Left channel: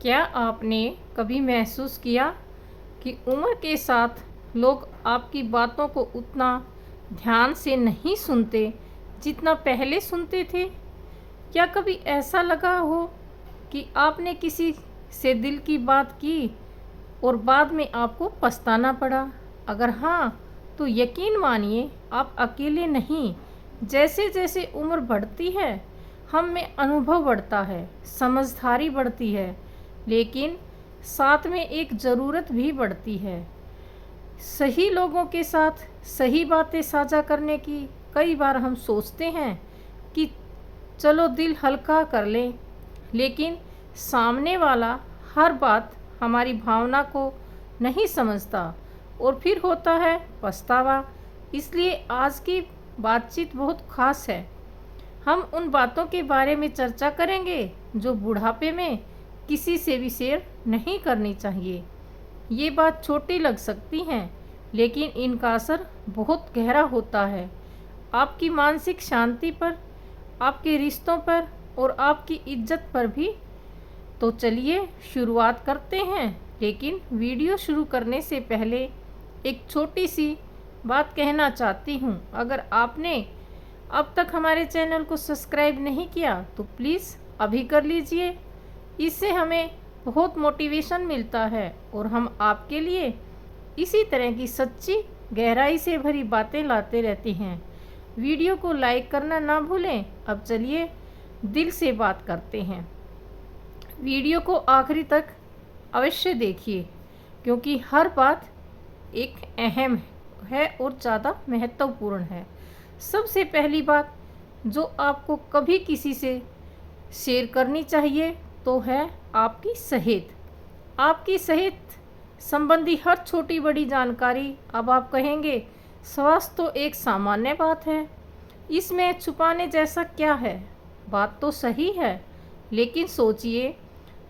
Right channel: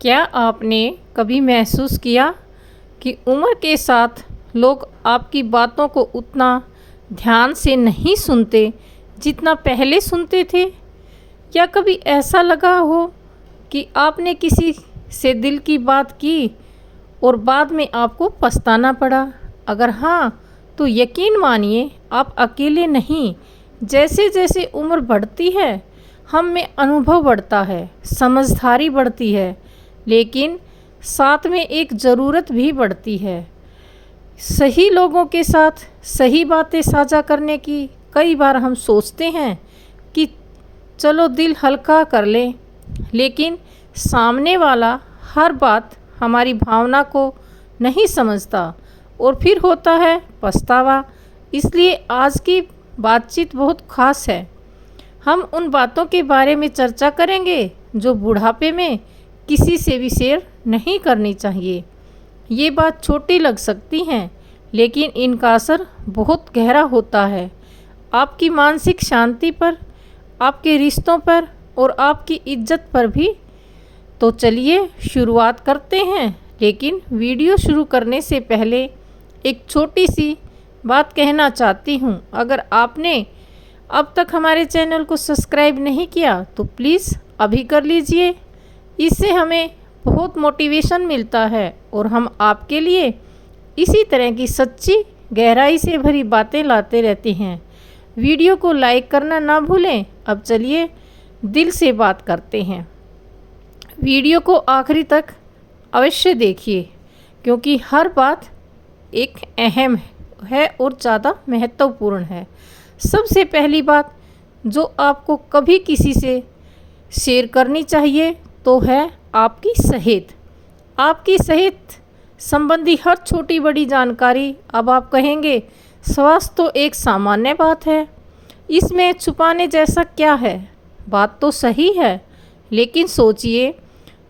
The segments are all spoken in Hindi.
क्या आपने कभी महसूस किया कि उम्र के साथ लोग आपकी बातों को उतना ध्यान से नहीं सुनते जितना पहले सुनते थे? क्या कभी ऐसा लगा हो कि आपने किसी से दिल की बात की और बाद में आपको पछताना पड़ा? अगर हाँ, तो यकीन मानिए आप अकेले नहीं। जैसे जैसे उम्र बढ़ती है, हम में अनुभव बढ़ता है, समझदारी बढ़ती है, लेकिन साथ में एक ज़रूरत भी बढ़ती है सही लोगों के साथ सही बातें साझा करने की। कई बार हम सोचते हैं कि चलो दिल हल्का कर लें, लेकिन सामने वाला हर बात हमारी भावना को नहीं समझता और फिर होता है पछतावा। इसलिए आज की बातचीत बहुत खास है। हम उन बातों के बारे में चर्चा करेंगे जो बुढ़ापे में किसी से भी शेयर नहीं करनी चाहिए। ये बात छोटी लग सकती हैं, लेकिन इनका असर बहुत गहरा होता है, आपकी मानसिक शांति पर, आपके रिश्तों पर और आपकी इज्जत पर भी। तो चलिए शुरुआत करते हैं। लेकिन वीडियो शुरू करने से पहले एक छोटी सी बात कहना चाहती हूँ। अगर आपने अब तक हमारे चैनल को सब्सक्राइब नहीं किया तो प्लीज़ अभी कर लीजिए। इससे हमें बहुत मोटिवेशन मिलता है और हम आपके लिए इसी तरह की सच्ची गहराई से भरी बातें लाते रहते हैं। वीडियो को लाइक करना ना भूलें। अब चलिए दिल से बात करते हैं। वीडियो को आखिरी तक अवश्य देखिए, क्योंकि हर बात एक अहम है और ज़्यादा महत्वपूर्ण है। सबसे पहली बात जो आपको कभी किसी से शेयर करनी चाहिए तो है आपकी सेहत। आपकी सेहत संबंधी हर छोटी बड़ी जानकारी। अब आप कहेंगे स्वास्थ्य तो एक सामान्य बात है, इसमें छुपाने जैसा क्या है? बात तो सही है, लेकिन सोचिए,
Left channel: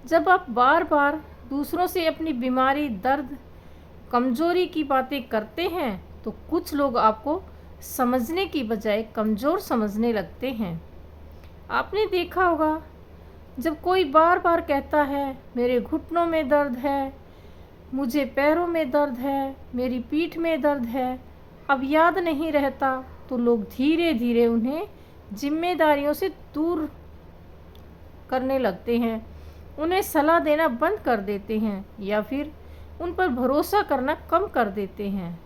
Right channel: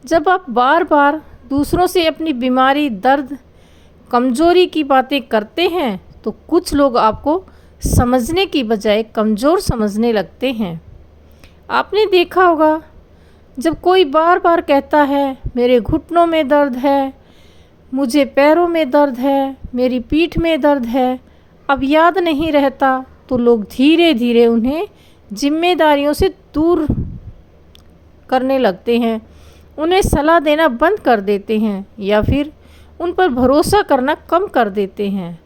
जब आप बार बार दूसरों से अपनी बीमारी, दर्द, कमज़ोरी की बातें करते हैं तो कुछ लोग आपको समझने की बजाय कमज़ोर समझने लगते हैं। आपने देखा होगा, जब कोई बार बार कहता है मेरे घुटनों में दर्द है, मुझे पैरों में दर्द है, मेरी पीठ में दर्द है, अब याद नहीं रहता, तो लोग धीरे धीरे उन्हें जिम्मेदारियों से दूर करने लगते हैं, उन्हें सलाह देना बंद कर देते हैं या फिर उन पर भरोसा करना कम कर देते हैं।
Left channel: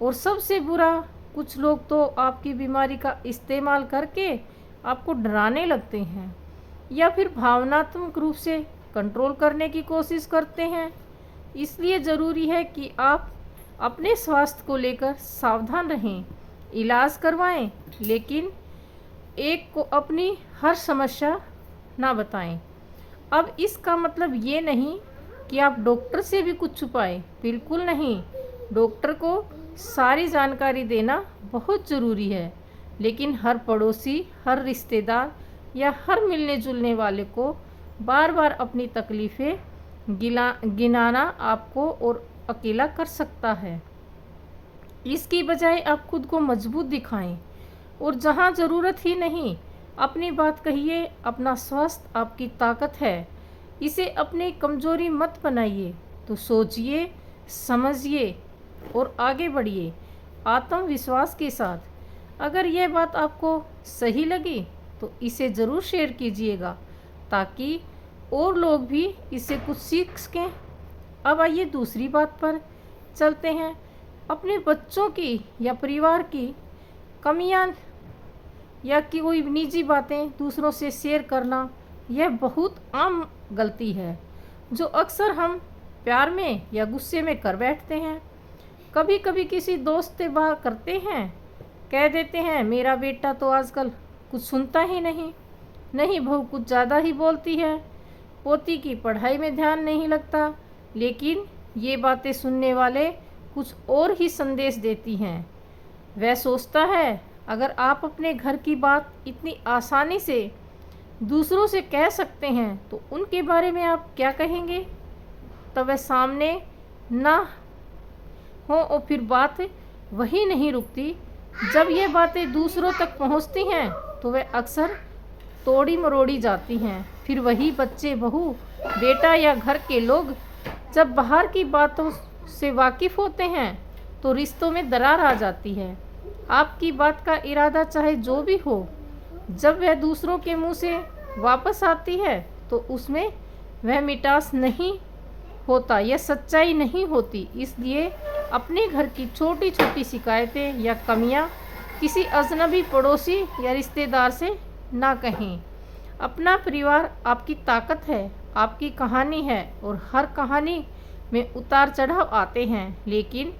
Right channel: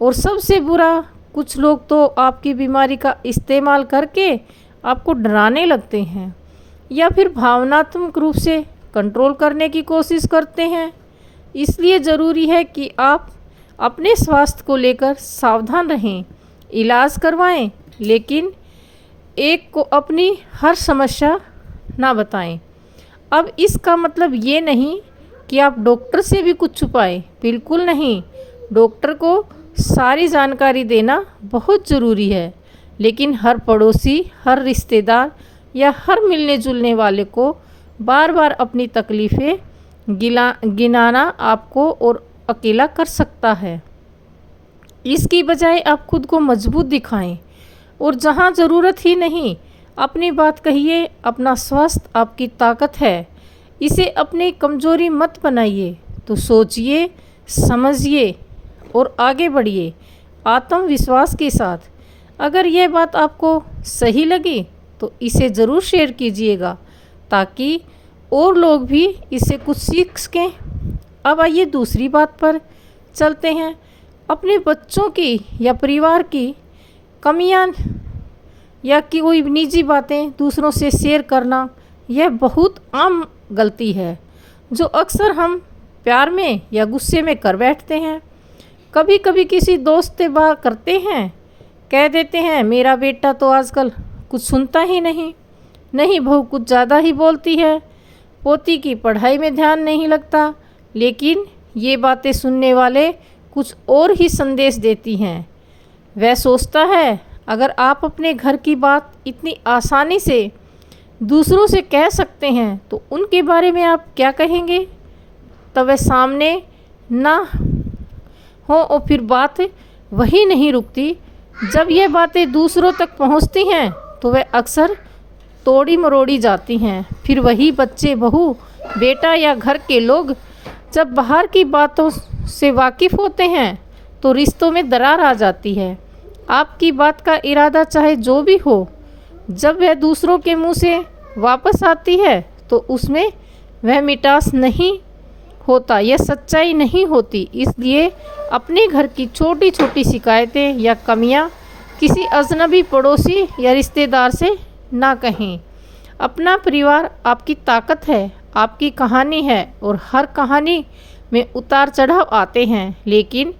और सबसे बुरा, कुछ लोग तो आपकी बीमारी का इस्तेमाल करके आपको डराने लगते हैं या फिर भावनात्मक रूप से कंट्रोल करने की कोशिश करते हैं। इसलिए ज़रूरी है कि आप अपने स्वास्थ्य को लेकर सावधान रहें, इलाज करवाएं, लेकिन एक को अपनी हर समस्या ना बताएं। अब इसका मतलब ये नहीं कि आप डॉक्टर से भी कुछ छुपाएं, बिल्कुल नहीं। डॉक्टर को सारी जानकारी देना बहुत ज़रूरी है, लेकिन हर पड़ोसी, हर रिश्तेदार या हर मिलने जुलने वाले को बार बार अपनी तकलीफ़ें गिनाना आपको और अकेला कर सकता है। इसकी बजाय आप खुद को मजबूत दिखाएं और जहां ज़रूरत ही नहीं, अपनी बात कहिए। अपना स्वास्थ्य आपकी ताकत है, इसे अपनी कमज़ोरी मत बनाइए। तो सोचिए, समझिए और आगे बढ़िए आत्मविश्वास के साथ। अगर यह बात आपको सही लगी तो इसे ज़रूर शेयर कीजिएगा, ताकि और लोग भी इससे कुछ सीख सकें। अब आइए दूसरी बात पर चलते हैं। अपने बच्चों की या परिवार की कमियां या कि कोई निजी बातें दूसरों से शेयर करना, यह बहुत आम गलती है जो अक्सर हम प्यार में या गुस्से में कर बैठते हैं। कभी कभी किसी दोस्त से बात करते हैं, कह देते हैं मेरा बेटा तो आजकल कुछ सुनता ही नहीं, बहू कुछ ज़्यादा ही बोलती है, पोती की पढ़ाई में ध्यान नहीं लगता। लेकिन ये बातें सुनने वाले कुछ और ही संदेश देती हैं। वह सोचता है अगर आप अपने घर की बात इतनी आसानी से दूसरों से कह सकते हैं तो उनके बारे में आप क्या कहेंगे? तब वह सामने ना हो और फिर बात वही नहीं रुकती। जब यह बातें दूसरों तक पहुंचती हैं तो वह अक्सर तोड़ी मरोड़ी जाती हैं। फिर वही बच्चे, बहू बेटा या घर के लोग जब बाहर की बातों से वाकिफ़ होते हैं तो रिश्तों में दरार आ जाती है। आपकी बात का इरादा चाहे जो भी हो, जब वह दूसरों के मुंह से वापस आती है तो उसमें वह मिठास नहीं होता, यह सच्चाई नहीं होती। इसलिए अपने घर की छोटी छोटी शिकायतें या कमियां किसी अजनबी पड़ोसी या रिश्तेदार से ना कहें। अपना परिवार आपकी ताकत है, आपकी कहानी है और हर कहानी में उतार चढ़ाव आते हैं, लेकिन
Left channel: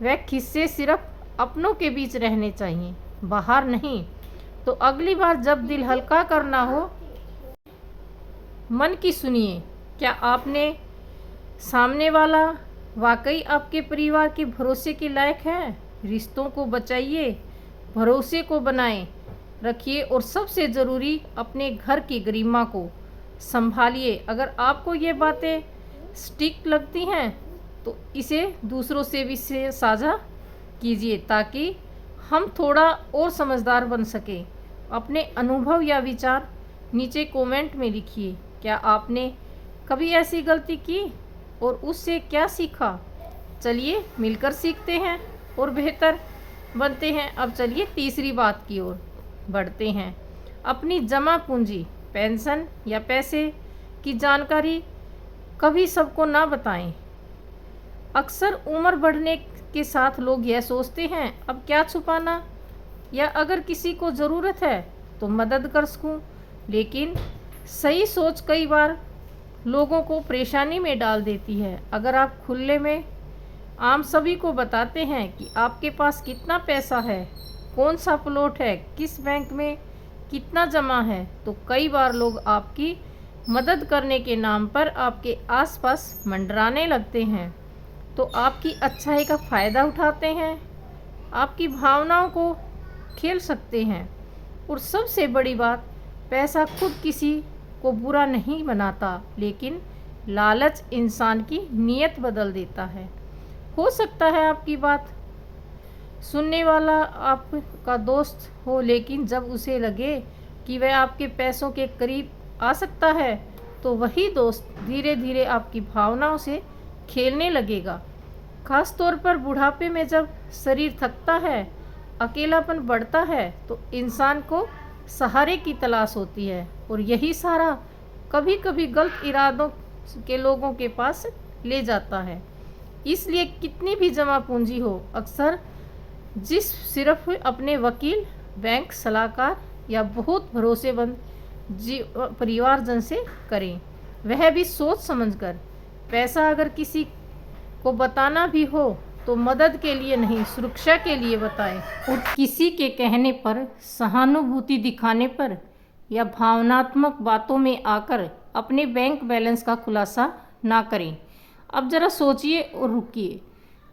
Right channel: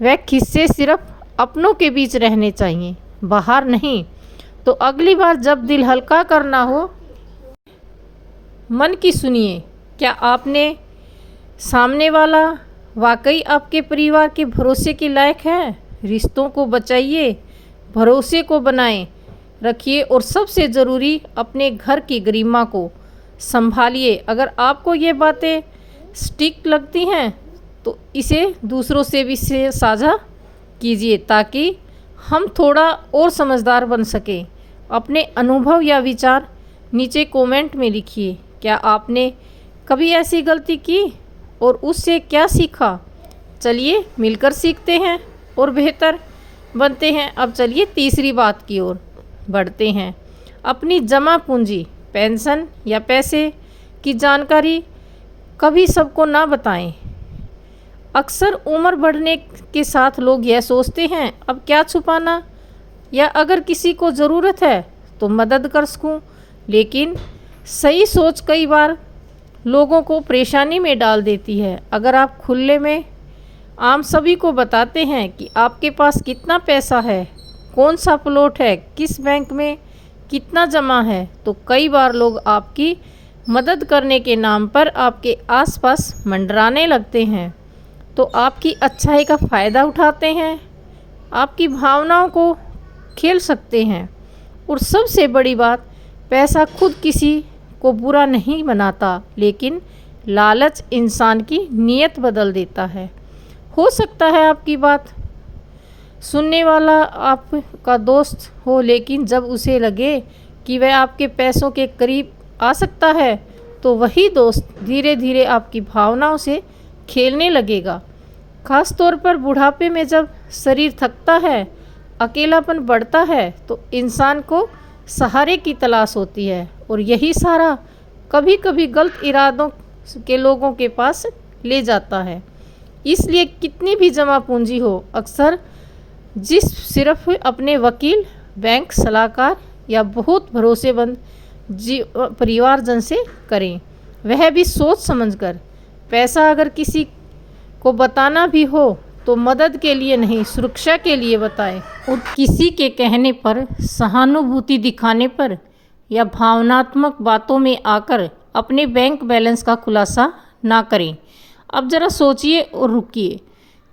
वह किस्से सिर्फ अपनों के बीच रहने चाहिए, बाहर नहीं। तो अगली बार जब दिल हल्का करना हो, मन की सुनिए। क्या आपने सामने वाला वाकई आपके परिवार के भरोसे के लायक है? रिश्तों को बचाइए, भरोसे को बनाए रखिए और सबसे ज़रूरी अपने घर की गरिमा को संभालिए। अगर आपको ये बातें स्टिक लगती हैं तो इसे दूसरों से भी साझा कीजिए ताकि हम थोड़ा और समझदार बन सकें। अपने अनुभव या विचार नीचे कमेंट में लिखिए। क्या आपने कभी ऐसी गलती की और उससे क्या सीखा? चलिए मिलकर सीखते हैं और बेहतर बनते हैं। अब चलिए तीसरी बात की ओर बढ़ते हैं। अपनी जमा पूंजी, पेंशन या पैसे की जानकारी कभी सबको ना बताएं। अक्सर उम्र बढ़ने के साथ लोग यह सोचते हैं अब क्या छुपाना, या अगर किसी को ज़रूरत है तो मदद कर सकूं। लेकिन सही सोच कई बार लोगों को परेशानी में डाल देती है। अगर आप खुले में आम सभी को बताते हैं कि आपके पास कितना पैसा है, कौन सा प्लॉट है, किस बैंक में कितना जमा है, तो कई बार लोग आपकी मदद करने के नाम पर आपके आसपास मंडराने लगते हैं। तो आपकी अच्छाई का फ़ायदा उठाते हैं, आपकी भावनाओं को खेल सकते हैं। और सबसे बड़ी बात, पैसा खुद किसी को बुरा नहीं बनाता, लेकिन लालच इंसान की नीयत बदल देता है। हो सकता है आपकी बात सुनने वाला आपका दोस्त हो, लेकिन जब उसे लगे कि वह आपके पैसों के करीब आ सकता है तो वही दोस्त धीरे धीरे आपकी भावनाओं से खेलने लगेगा। खास तौर पर बुढ़ापे में जब शरीर थकता है, अकेलापन बढ़ता है, तो इंसान को सहारे की तलाश होती है और यही सहारा कभी कभी गलत इरादों के लोगों के पास ले जाता है। इसलिए कितनी भी जमा पूंजी हो, अक्सर जिस सिर्फ अपने वकील, बैंक सलाहकार या बहुत भरोसेमंद परिवारजन से करें, वह भी सोच समझकर। पैसा अगर किसी को बताना भी हो तो मदद के लिए नहीं, सुरक्षा के लिए बताएं। और किसी के कहने पर, सहानुभूति दिखाने पर या भावनात्मक बातों में आकर अपने बैंक बैलेंस का खुलासा ना करें। अब ज़रा सोचिए और रुकिए।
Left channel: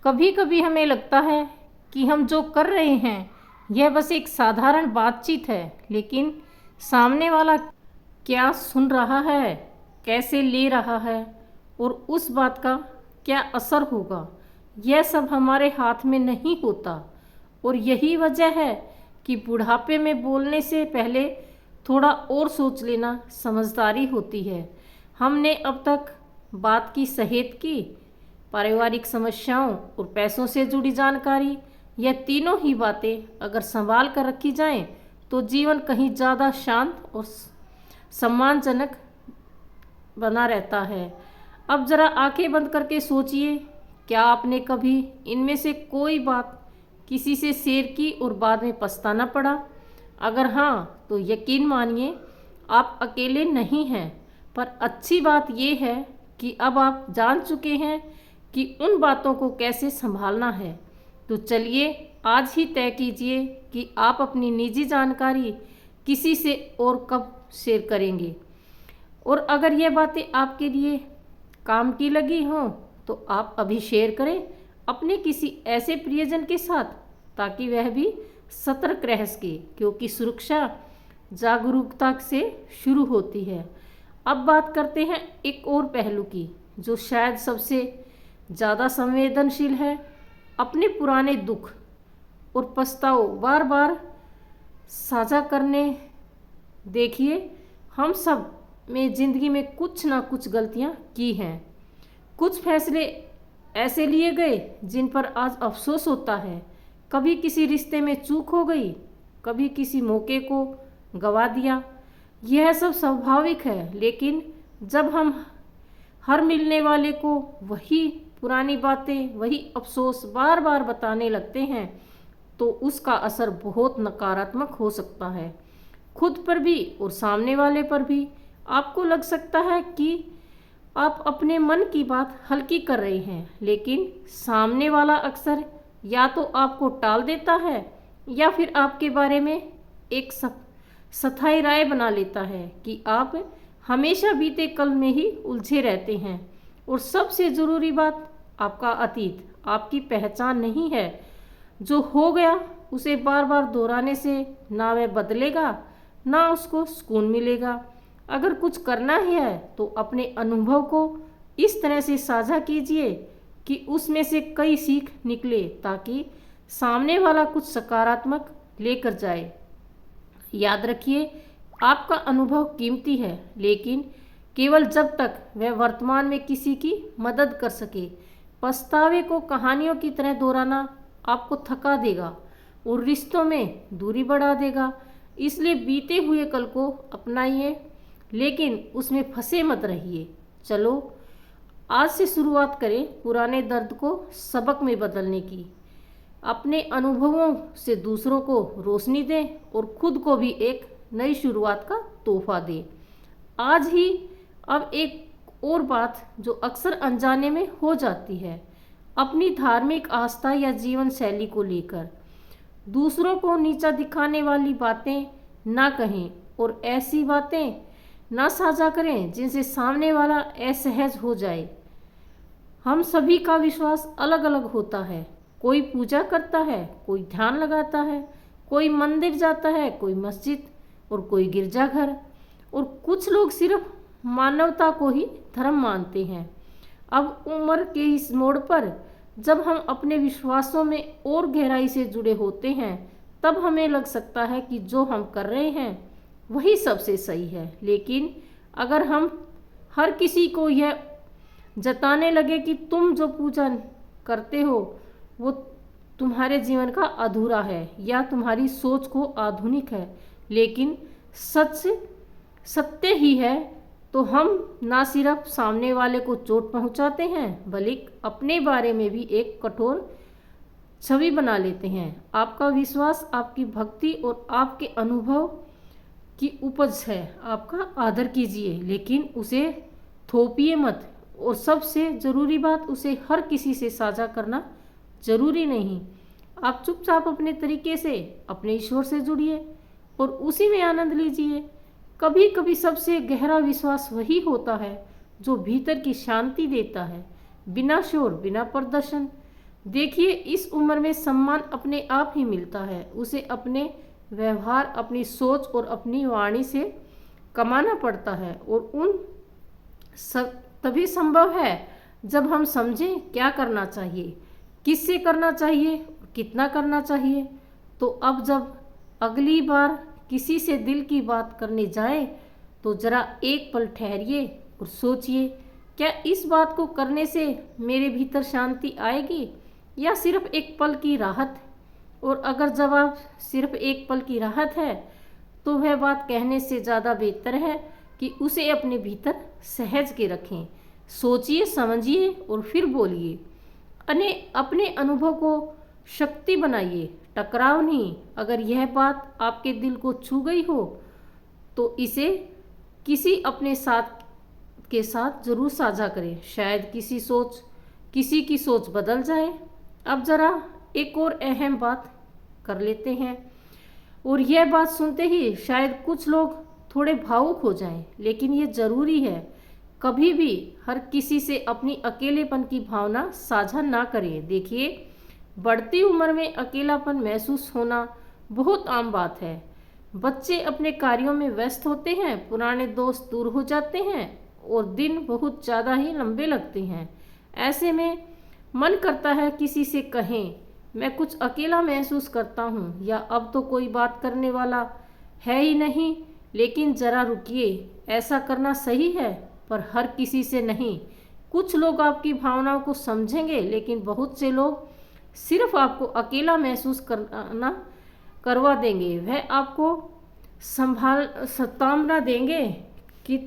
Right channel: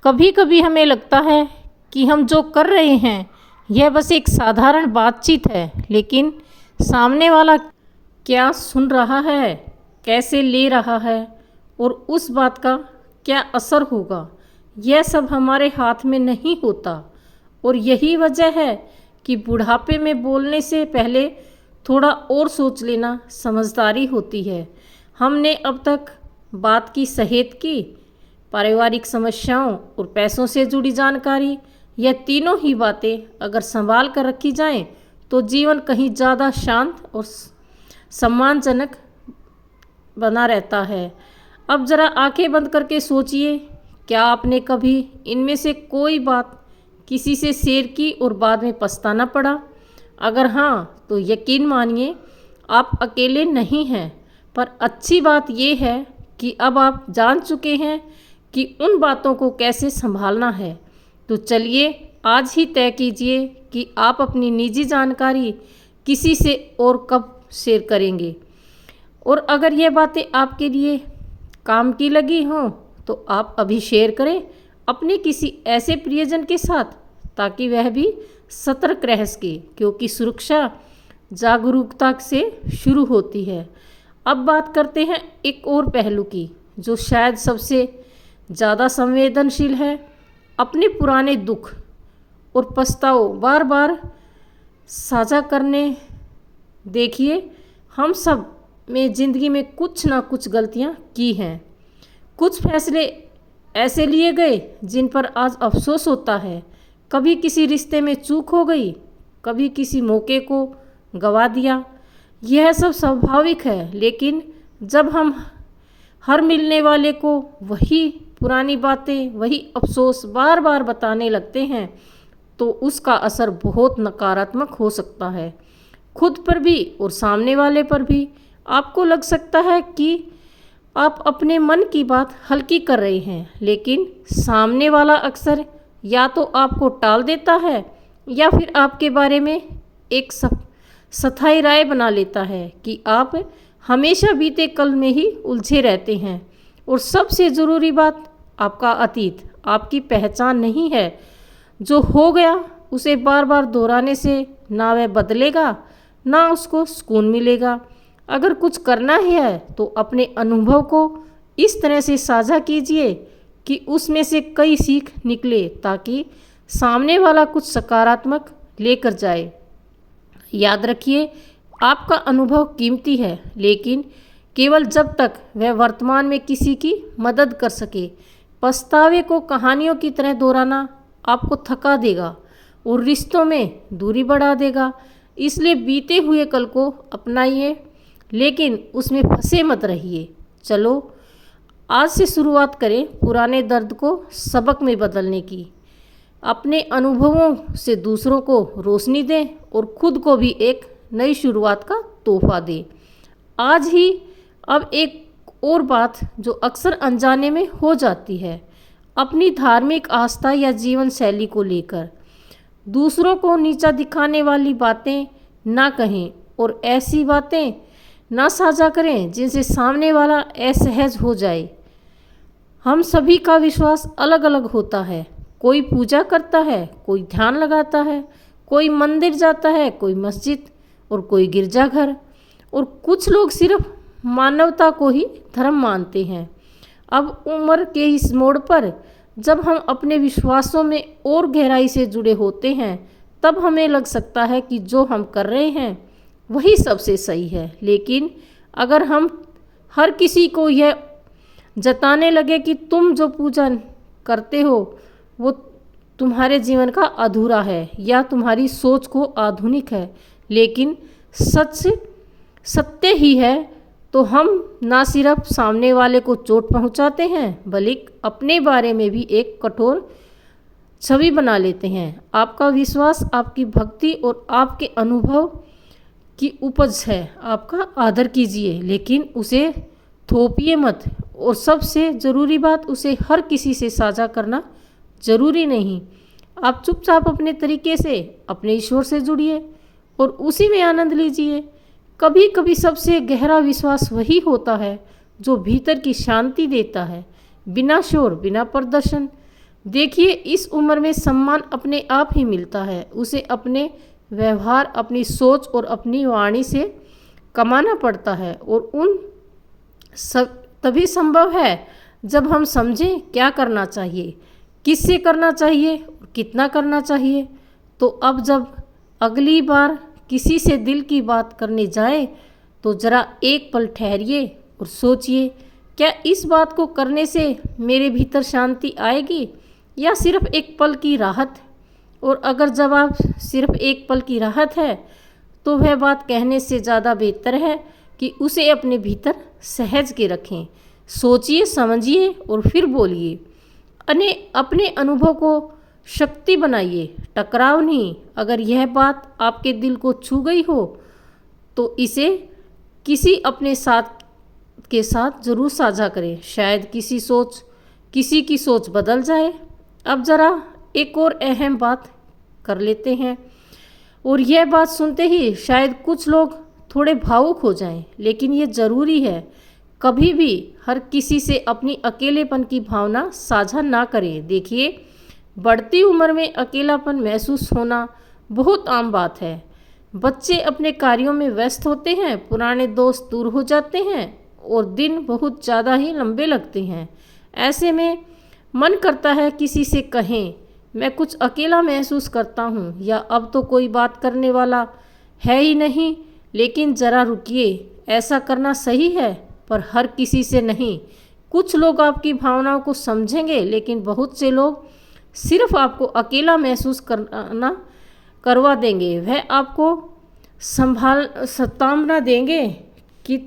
कभी कभी हमें लगता है कि हम जो कर रहे हैं यह बस एक साधारण बातचीत है, लेकिन सामने वाला क्या सुन रहा है, कैसे ले रहा है और उस बात का क्या असर होगा, यह सब हमारे हाथ में नहीं होता। और यही वजह है कि बुढ़ापे में बोलने से पहले थोड़ा और सोच लेना समझदारी होती है। हमने अब तक बात की सेहत की, पारिवारिक समस्याओं और पैसों से जुड़ी जानकारी, यह तीनों ही बातें अगर संभाल कर रखी जाएं तो जीवन कहीं ज़्यादा शांत और सम्मानजनक बना रहता है। अब ज़रा आंखें बंद करके सोचिए, क्या आपने कभी इनमें से कोई बात किसी से शेयर की और बाद में पछताना पड़ा? अगर हाँ, तो यकीन मानिए आप अकेले नहीं हैं। पर अच्छी बात यह है कि अब आप जान चुके हैं कि उन बातों को कैसे संभालना है। तो चलिए आज ही तय कीजिए कि आप अपनी निजी जानकारी किसी से और कब शेयर करेंगे। और अगर यह बातें आपके लिए काम की लगी हों तो आप अभी शेयर करें अपने किसी ऐसे प्रियजन के साथ, ताकि वह भी सतर्क रह सके, क्योंकि सुरक्षा जागरूकता से शुरू होती है। अब बात करते हैं एक और पहलू की, जो शायद सबसे ज़्यादा संवेदनशील है। अपने पुराने दुख और पछताओ बार बार साझा करने। देखिए, हम सब में ज़िंदगी में कुछ ना कुछ गलतियाँ की हैं। कुछ फैसले ऐसे लिए गए जिन पर आज अफसोस होता है। कभी किसी रिश्ते में चूक हो गई, कभी किसी मौके को गवा दिया। यह सब स्वाभाविक है, लेकिन जब हम हर मिलने वाले को वही पुरानी बातें, वही अफसोस बार बार बताने लगते हैं तो उसका असर बहुत नकारात्मक हो सकता है, खुद पर भी और सामने वाले पर भी। आपको लग सकता है कि आप अपने मन की बात हल्की कर रहे हैं, लेकिन सामने वाला अक्सर या तो आपको टाल देता है या फिर आपके बारे में एक स्थायी राय बना लेता है कि आप हमेशा बीते कल में ही उलझे रहते हैं। और सबसे ज़रूरी बात, आपका अतीत आपकी पहचान नहीं है। जो हो गया उसे बार बार दोहराने से ना वह बदलेगा, ना उसको सुकून मिलेगा। अगर कुछ करना ही है तो अपने अनुभव को इस तरह से साझा कीजिए कि उसमें से कई सीख निकले, ताकि सामने वाला कुछ सकारात्मक लेकर जाए। याद रखिए, आपका अनुभव कीमती है, लेकिन केवल जब तक वह वर्तमान में किसी की मदद कर सके। पछतावे को कहानियों की तरह दोहराना आपको थका देगा और रिश्तों में दूरी बढ़ा देगा। इसलिए बीते हुए कल को अपनाइए, लेकिन उसमें फंसे मत रहिए। चलो आज से शुरुआत करें पुराने दर्द को सबक में बदलने की। अपने अनुभवों से दूसरों को रोशनी दें और खुद को भी एक नई शुरुआत का तोहफा दें। आज ही अब एक और बात जो अक्सर अनजाने में हो जाती है, अपनी धार्मिक आस्था या जीवन शैली को लेकर दूसरों को नीचा दिखाने वाली बातें ना कहें और ऐसी बातें ना साझा करें जिनसे सामने वाला असहज हो जाए। हम सभी का विश्वास अलग अलग होता है। कोई पूजा करता है, कोई ध्यान लगाता है, कोई मंदिर जाता है, कोई मस्जिद और कोई गिरजाघर, और कुछ लोग सिर्फ मानवता को ही धर्म मानते हैं। अब उम्र के इस मोड़ पर जब हम अपने विश्वासों में और गहराई से जुड़े होते हैं, तब हमें लग सकता है कि जो हम कर रहे हैं वही सबसे सही है। लेकिन अगर हम हर किसी को यह जताने लगे कि तुम जो पूजा करते हो वो तुम्हारे जीवन का अधूरा है या तुम्हारी सोच को आधुनिक है, लेकिन सच सत्य ही है, तो हम ना सिर्फ सामने वाले को चोट पहुंचाते हैं, बल्कि अपने बारे में भी एक कठोर छवि बना लेते हैं। आपका विश्वास, आपकी भक्ति और आपके अनुभव की उपज है। आपका आदर कीजिए, लेकिन उसे थोपिए मत। और सबसे ज़रूरी बात, उसे हर किसी से साझा करना ज़रूरी नहीं। आप चुपचाप अपने तरीके से अपने ईश्वर से जुड़िए और उसी में आनंद लीजिए। कभी कभी सबसे गहरा विश्वास वही होता है जो भीतर की शांति देता है, बिना शोर, बिना प्रदर्शन। देखिए, इस उम्र में सम्मान अपने आप ही मिलता है। उसे अपने व्यवहार, अपनी सोच और अपनी वाणी से कमाना पड़ता है, और उन सब तभी संभव है जब हम समझें क्या करना चाहिए, किससे करना चाहिए, कितना करना चाहिए। तो अब जब अगली बार किसी से दिल की बात करने जाए तो ज़रा एक पल ठहरिए और सोचिए, क्या इस बात को करने से मेरे भीतर शांति आएगी या सिर्फ एक पल की राहत। और अगर जवाब सिर्फ एक पल की राहत है तो वह बात कहने से ज़्यादा बेहतर है कि उसे अपने भीतर सहज के रखें। सोचिए, समझिए और फिर बोलिए। अपने अनुभव को शक्ति बनाइए, टकराव नहीं। अगर यह बात आपके दिल को छू गई हो तो इसे किसी अपने साथ के साथ ज़रूर साझा करें। शायद किसी की सोच बदल जाए। अब ज़रा एक और अहम बात कर लेते हैं, और यह बात सुनते ही शायद कुछ लोग थोड़े भावुक हो जाएं, लेकिन ये ज़रूरी है। कभी भी हर किसी से अपनी अकेलेपन की भावना साझा ना करें। देखिए, बढ़ती उम्र में अकेलापन महसूस होना बहुत आम बात है। बच्चे अपने कार्यों में व्यस्त होते हैं, पुराने दोस्त दूर हो जाते हैं और दिन बहुत ज़्यादा ही लंबे लगते हैं। ऐसे में मन करता है किसी से कहें, मैं कुछ अकेला महसूस करता हूँ, या अब तो कोई बात करने वाला है ही नहीं। लेकिन ज़रा रुकिए, ऐसा करना सही है, पर हर किसी से नहीं। कुछ लोग आपकी भावनाओं को समझेंगे, लेकिन बहुत से लोग सिर्फ आपको अकेला महसूस करवा देंगे। वह आपको सतावना देंगे कि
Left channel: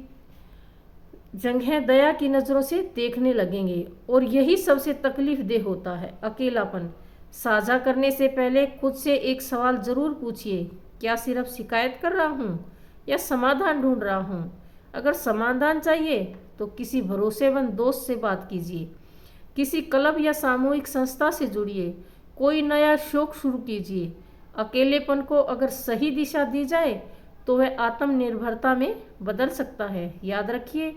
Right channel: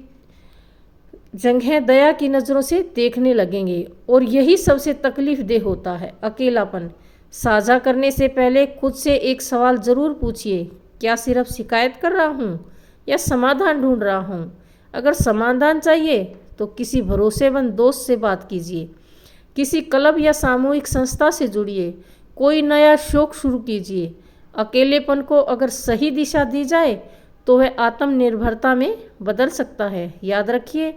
जगह दया की नज़रों से देखने लगेंगे, और यही सबसे तकलीफ देह होता है, अकेलापन। साझा करने से पहले खुद से एक सवाल ज़रूर पूछिए, क्या सिर्फ शिकायत कर रहा हूँ या समाधान ढूंढ रहा हूँ? अगर समाधान चाहिए तो किसी भरोसेमंद दोस्त से बात कीजिए, किसी क्लब या सामूहिक संस्था से जुड़िए, कोई नया शौक शुरू कीजिए। अकेलेपन को अगर सही दिशा दी जाए तो वह आत्मनिर्भरता में बदल सकता है। याद रखिए,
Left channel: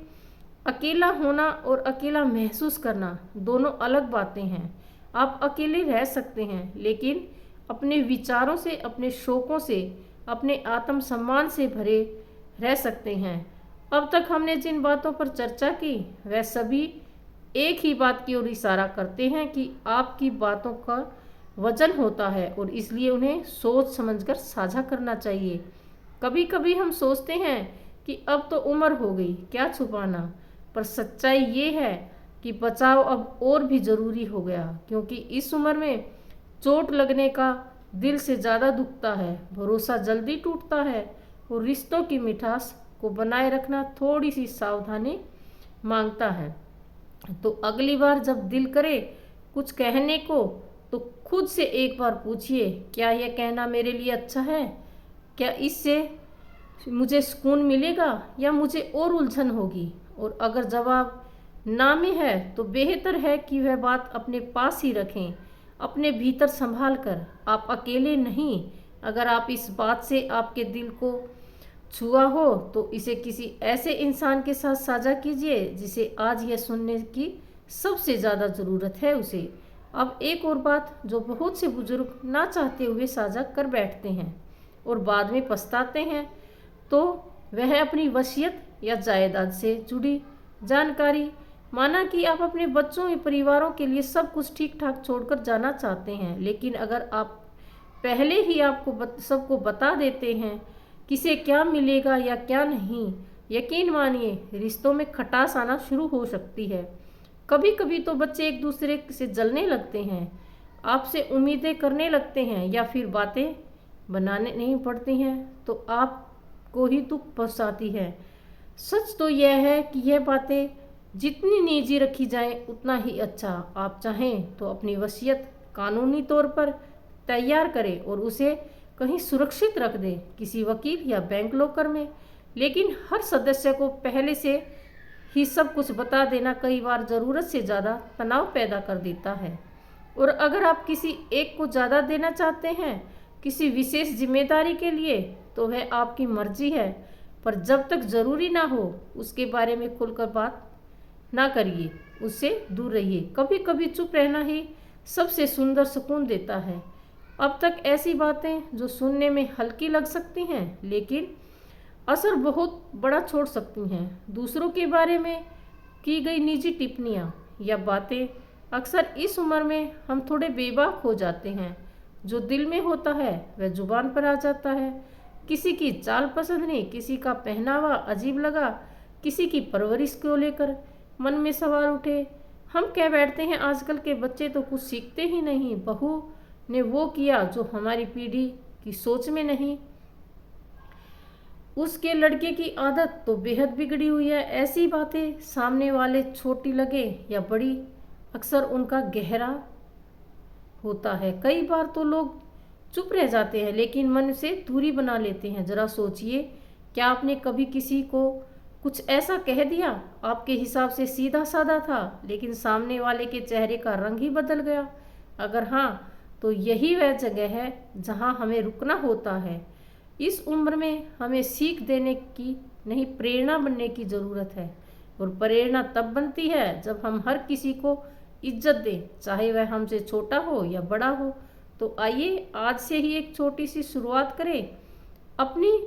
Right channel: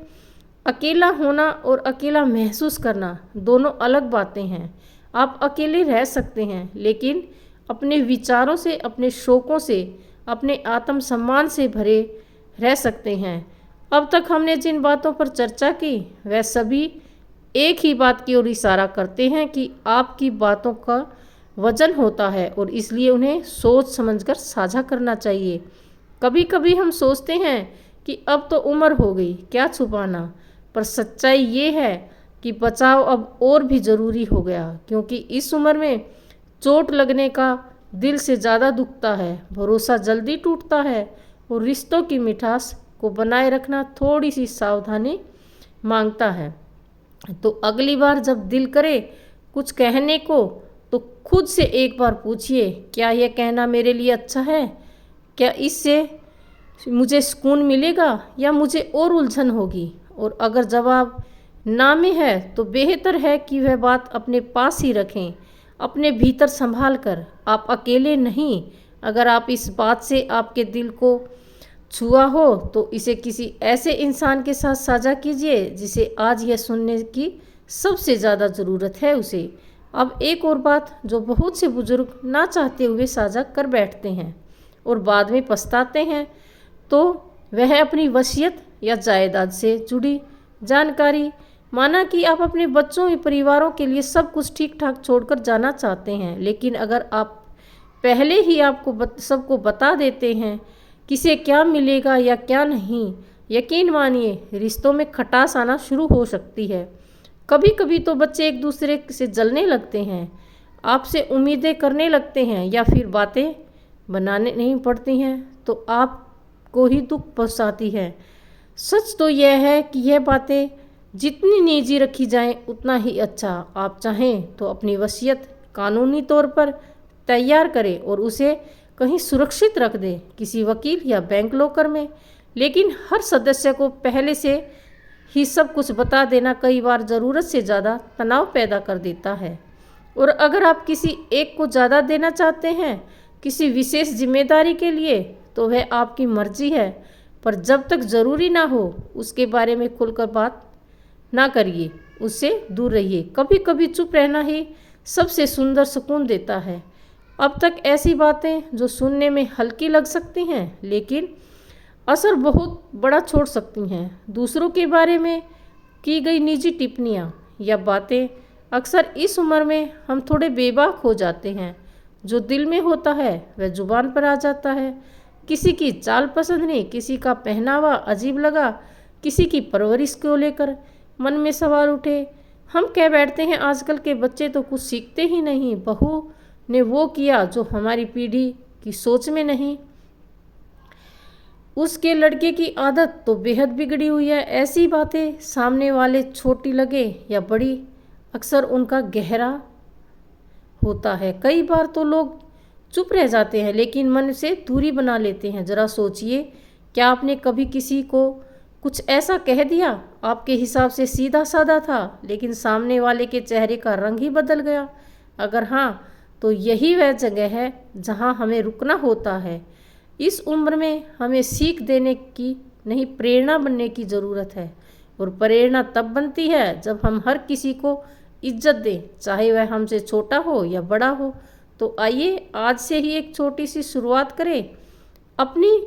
अकेला होना और अकेला महसूस करना दोनों अलग बातें हैं। आप अकेले रह सकते हैं, लेकिन अपने विचारों से, अपने शौकों से, अपने आत्मसम्मान से भरे रह सकते हैं। अब तक हमने जिन बातों पर चर्चा की, वह सभी एक ही बात की ओर इशारा करते हैं कि आपकी बातों का वजन होता है और इसलिए उन्हें सोच समझकर साझा करना चाहिए। कभी कभी हम सोचते हैं कि अब तो उम्र हो गई, क्या छुपाना, पर सच्चाई ये है कि बचाव अब और भी ज़रूरी हो गया, क्योंकि इस उम्र में चोट लगने का दिल से ज़्यादा दुखता है, भरोसा जल्दी टूटता है और रिश्तों की मिठास को बनाए रखना थोड़ी सी सावधानी मांगता है। तो अगली बार जब दिल करे कुछ कहने को, तो खुद से एक बार पूछिए, क्या यह कहना मेरे लिए अच्छा है? क्या इससे मुझे सुकून मिलेगा या मुझे और उलझन होगी? और अगर जवाब ना में है तो बेहतर है कि वह बात अपने पास ही रखें, अपने भीतर संभाल कर। आप अकेले नहीं। अगर आप इस बात से आपके दिल को छुआ हो तो इसे किसी ऐसे इंसान के साथ साझा कीजिए जिसे आज यह सुनने की सबसे ज़्यादा ज़रूरत है उसे। अब एक और बात जो बहुत से बुजुर्ग ना चाहते हुए साझा कर बैठते हैं और बाद में पछताते हैं, तो वह अपनी वसीयत या जायदाद से जुड़ी जानकारी। माना कि आप अपने बच्चों या परिवारों के लिए सब कुछ ठीक ठाक छोड़कर जाना चाहते हैं, लेकिन अगर आप पहले ही सबको बता देते हैं किसे क्या मिलेगा या क्या नहीं, यकीन मानिए रिश्तों में खटास आना शुरू हो सकती है। कभी कभी तो बच्चे एक दूसरे से जलने लगते हैं, आपसे उम्मीदें करने लगते हैं या फिर बातें बनाने नहीं पड़ती हैं तो आपको ही दुख पहुंचाती है। सच तो यह है कि यह बातें जितनी निजी रखी जाएं उतना ही अच्छा। आप चाहें तो अपनी वसीयत कानूनी तौर पर तैयार करें और उसे कहीं सुरक्षित रख दें, किसी वकील या बैंक लॉकर में। लेकिन हर सदस्य को पहले से ही सब कुछ बता देना कई बार ज़रूरत से ज़्यादा तनाव पैदा कर देता है। और अगर आप किसी एक को ज़्यादा देना चाहते हैं किसी विशेष जिम्मेदारी के लिए, तो वह आपकी मर्जी है, पर जब तक ज़रूरी ना हो उसके बारे में खुलकर बात ना करिए, उससे दूर रहिए। कभी कभी चुप रहना ही सबसे सुंदर सुकून देता है। अब तक ऐसी बातें जो सुनने में हल्की लग सकती हैं, लेकिन असर बहुत बड़ा छोड़ सकती हैं। दूसरों के बारे में की गई निजी टिप्पणियाँ या बातें, अक्सर इस उम्र में हम थोड़े बेबाक हो जाते हैं। जो दिल में होता है वह जुबान पर आ जाता है। किसी की चाल पसंद नहीं, किसी का पहनावा अजीब लगा, किसी की परवरिश को लेकर मन में सवाल उठे। हम कह बैठते हैं आजकल के बच्चे तो कुछ सीखते ही नहीं, बहू ने वो किया जो हमारी पीढ़ी की सोच में नहीं, उसके लड़के की आदत तो बेहद बिगड़ी हुई है। ऐसी बातें सामने वाले छोटी लगे या बड़ी, अक्सर उनका गहरा होता है। कई बार तो लोग चुप रह जाते हैं लेकिन मन से दूरी बना लेते हैं। ज़रा सोचिए, क्या आपने कभी किसी को कुछ ऐसा कह दिया आपके हिसाब से सीधा साधा था, लेकिन सामने वाले के चेहरे का रंग ही बदल गया? अगर हाँ, तो यही वह जगह है जहाँ हमें रुकना होता है। इस उम्र में हमें सीख देने की नहीं, प्रेरणा बनने की ज़रूरत है। और प्रेरणा तब बनती है जब हम हर किसी को इज्जत दें, चाहे वह हमसे छोटा हो या बड़ा हो। तो आइए आज से ही एक छोटी सी शुरुआत करें, अपनी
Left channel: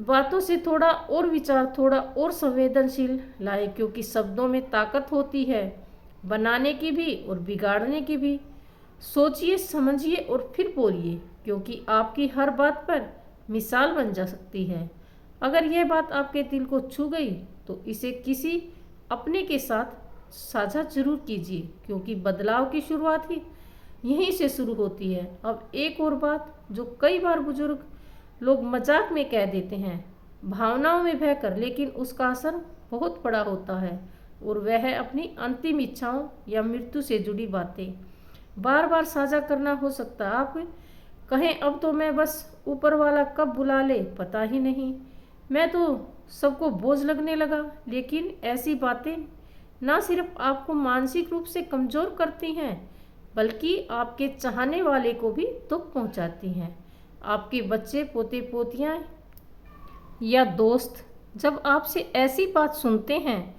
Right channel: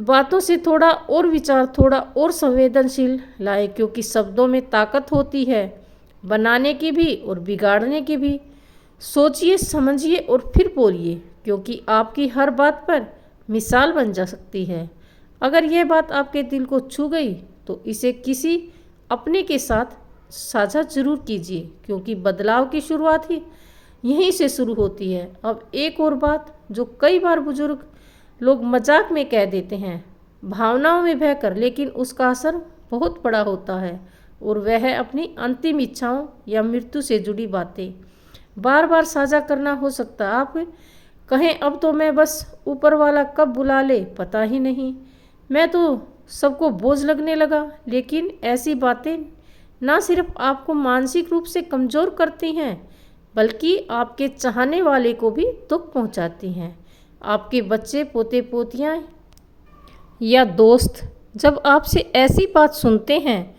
बातों से थोड़ा और विचार, थोड़ा और संवेदनशील लाएं, क्योंकि शब्दों में ताकत होती है, बनाने की भी और बिगाड़ने की भी। सोचिए, समझिए और फिर बोलिए, क्योंकि आपकी हर बात पर मिसाल बन जा सकती है। अगर यह बात आपके दिल को छू गई तो इसे किसी अपने के साथ साझा जरूर कीजिए, क्योंकि बदलाव की शुरुआत ही यहीं से शुरू होती है। अब एक और बात जो कई बार बुजुर्ग लोग मजाक में कह देते हैं, भावनाओं में बहकर, लेकिन उसका असर बहुत बड़ा होता है, और वह है अपनी अंतिम इच्छाओं या मृत्यु से जुड़ी बातें बार बार साझा करना। हो सकता है आप कहें, अब तो मैं बस ऊपर वाला कब बुला ले पता ही नहीं, मैं तो सबको बोझ लगने लगा। लेकिन ऐसी बातें ना सिर्फ आपको मानसिक रूप से कमज़ोर करती हैं, बल्कि आपके चाहने वाले को भी दुख पहुंचाती हैं। आपके बच्चे, पोते पोतियाँ या दोस्त जब आपसे ऐसी बात सुनते हैं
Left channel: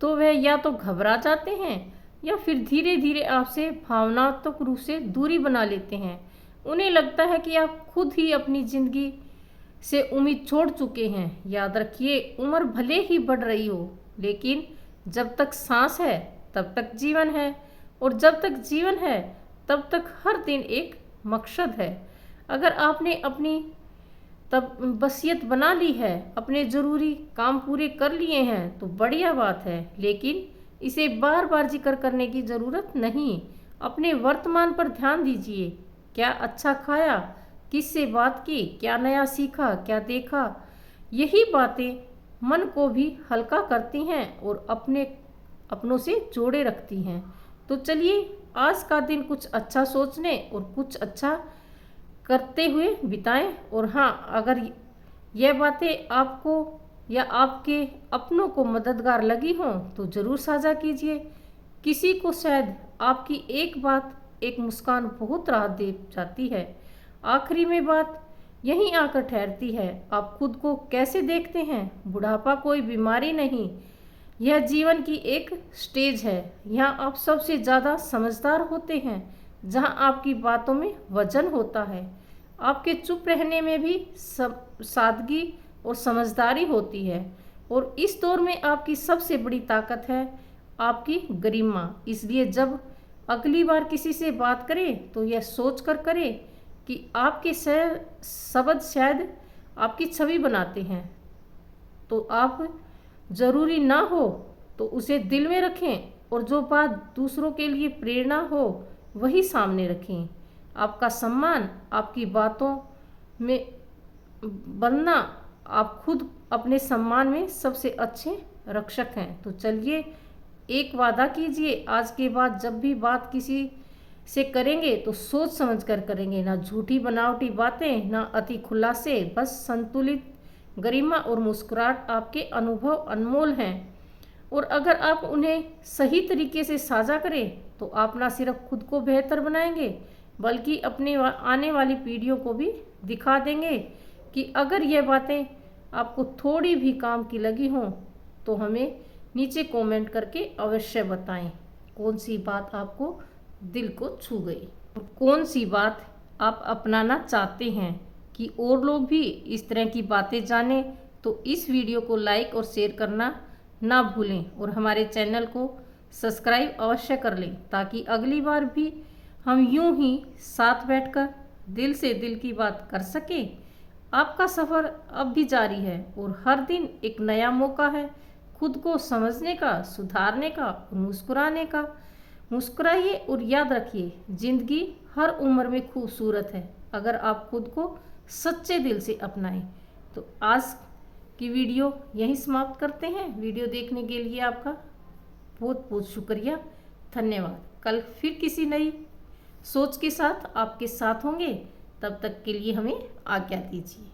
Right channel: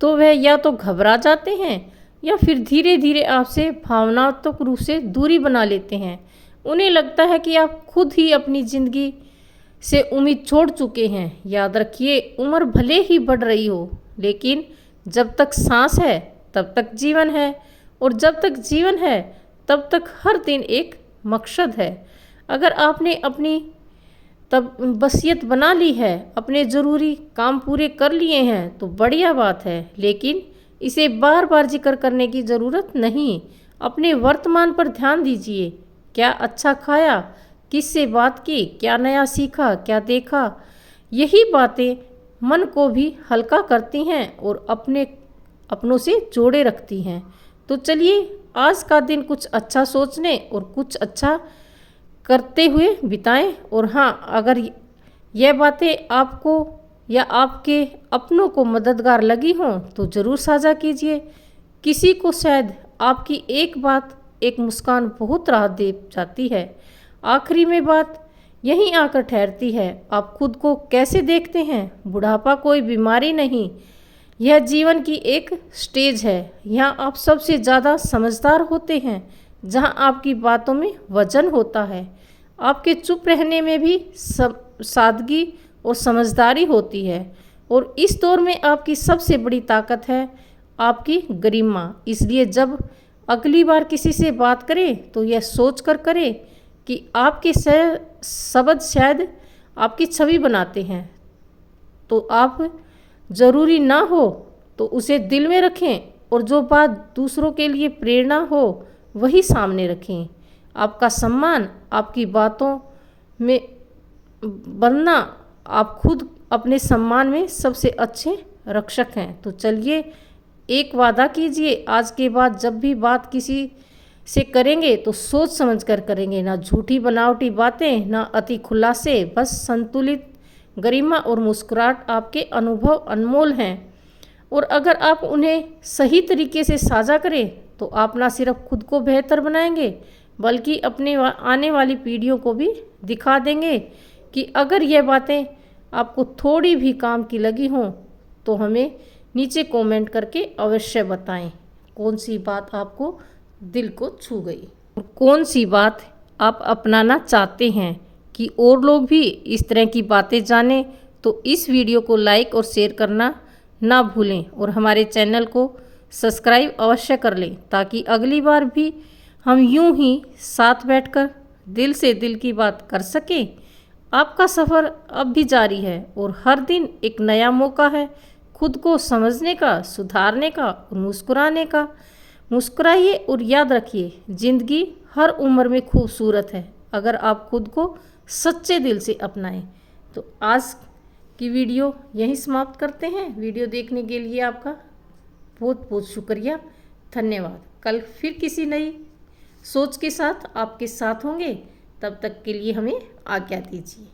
तो वह या तो घबरा जाते हैं या फिर धीरे धीरे आपसे भावनात्मक रूप से दूरी बना लेते हैं। उन्हें लगता है कि आप खुद ही अपनी ज़िंदगी से उम्मीद छोड़ चुके हैं। याद रखिए, उम्र भले ही बढ़ रही हो, लेकिन जब तक सांस है तब तक जीवन है, और जब तक जीवन है तब तक हर दिन एक मकसद है। अगर आपने अपनी तब वसीयत बना ली है, अपने ज़रूरी काम पूरे कर लिए हैं तो बढ़िया बात है, लेकिन इसे बार बार जिक्र करने की ज़रूरत नहीं। अपने वर्तमान पर ध्यान दीजिए। क्या अच्छा खाया, किससे बात की, क्या नया सीखा, क्या देखा। यही बातें मन को भी हल्का करती हैं और अपनों से जोड़े रखती हैं। तो चलिए, आज का दिन कुछ अच्छा सोचने और कुछ अच्छा करते हुए बिताएं। और हाँ, अगर यह बातें आपको या आपके अपनों को मददगार लगी हों तो ज़रूर साझा कीजिए। किसी को शायद आपकी एक बात, एक मुस्कान बहुत राहत दे जाती है। आखिरी में बात यहीं आकर ठहरती है, आप खुद को कैसे देखते हैं। बुढ़ापा कोई बीमारी नहीं, यह जीवन की एक स्टेज है। यहाँ आप सबसे ज़्यादा समझदार होते हैं, जहाँ आपकी बातों में वजन होता है। आपके चुप रहने में भी सादगी और समझदारी होती है, और इस दौर में आपकी सबसे बड़ी ताकत है आपकी गरिमा। इसलिए जब अगली बार किसी से बात करें तो यह सोच कर करें कि आपके शब्द शायद आपकी छवि बनाते हैं। तो आप ज़रूरी ना हो तो उसे दिल में रखें, और जो बात दूसरों के लिए प्रेरणा हो वही सामने रखें। आपका सम्मान आपकी बातों में बनना, आप खुद अपने सम्मान में सबसे अच्छे रक्षक हैं। तो चलिए, एक वादा कीजिए, आज के बाद जब भी बात किसी से करेंगे तो सोच समझ कर करेंगे। ना झूठी बनावटी बातें, ना अति खुलासे, बस संतुलित गरिमा और मुस्कुराहट। आपके अनुभव अनमोल हैं, और अगर आप उन्हें सही तरीके से साझा करें तो आप ना सिर्फ खुद को बेहतर बनाएंगे, बल्कि अपने आने वाली पीढ़ियों को भी दिखा देंगे कि अगर यह बातें आपको थोड़ी भी काम की लगी हों तो हमें नीचे कमेंट करके अवश्य बताएं कौन सी बात आपको दिल को छू गई, और कौन सी बात आप अपनाना चाहते हैं कि और लोग भी इस तरह की बातें जानें। तो इस वीडियो को लाइक और शेयर करना ना भूलें, और हमारे चैनल को सब्सक्राइब अवश्य कर लें, ताकि अगली बार भी हम यूं ही साथ बैठकर दिल से दिल की बात कर सकें। आपका सफ़र अब भी जारी है, और हर दिन एक नया मौका है खुद को समझने का, सुधारने का और मुस्कुराने का। मुस्कुराइए और याद रखिए, ज़िंदगी हर उम्र में खूबसूरत है अगर आप खुद को सच्चे दिल से अपनाएं। तो आज की वीडियो यहीं समाप्त करते हैं। वीडियो देखने के लिए आपका बहुत बहुत शुक्रिया, धन्यवाद। कल फिर किसी नई सोच के साथ आपके साथ होंगे, तब तक के लिए हमें आज्ञा दीजिए।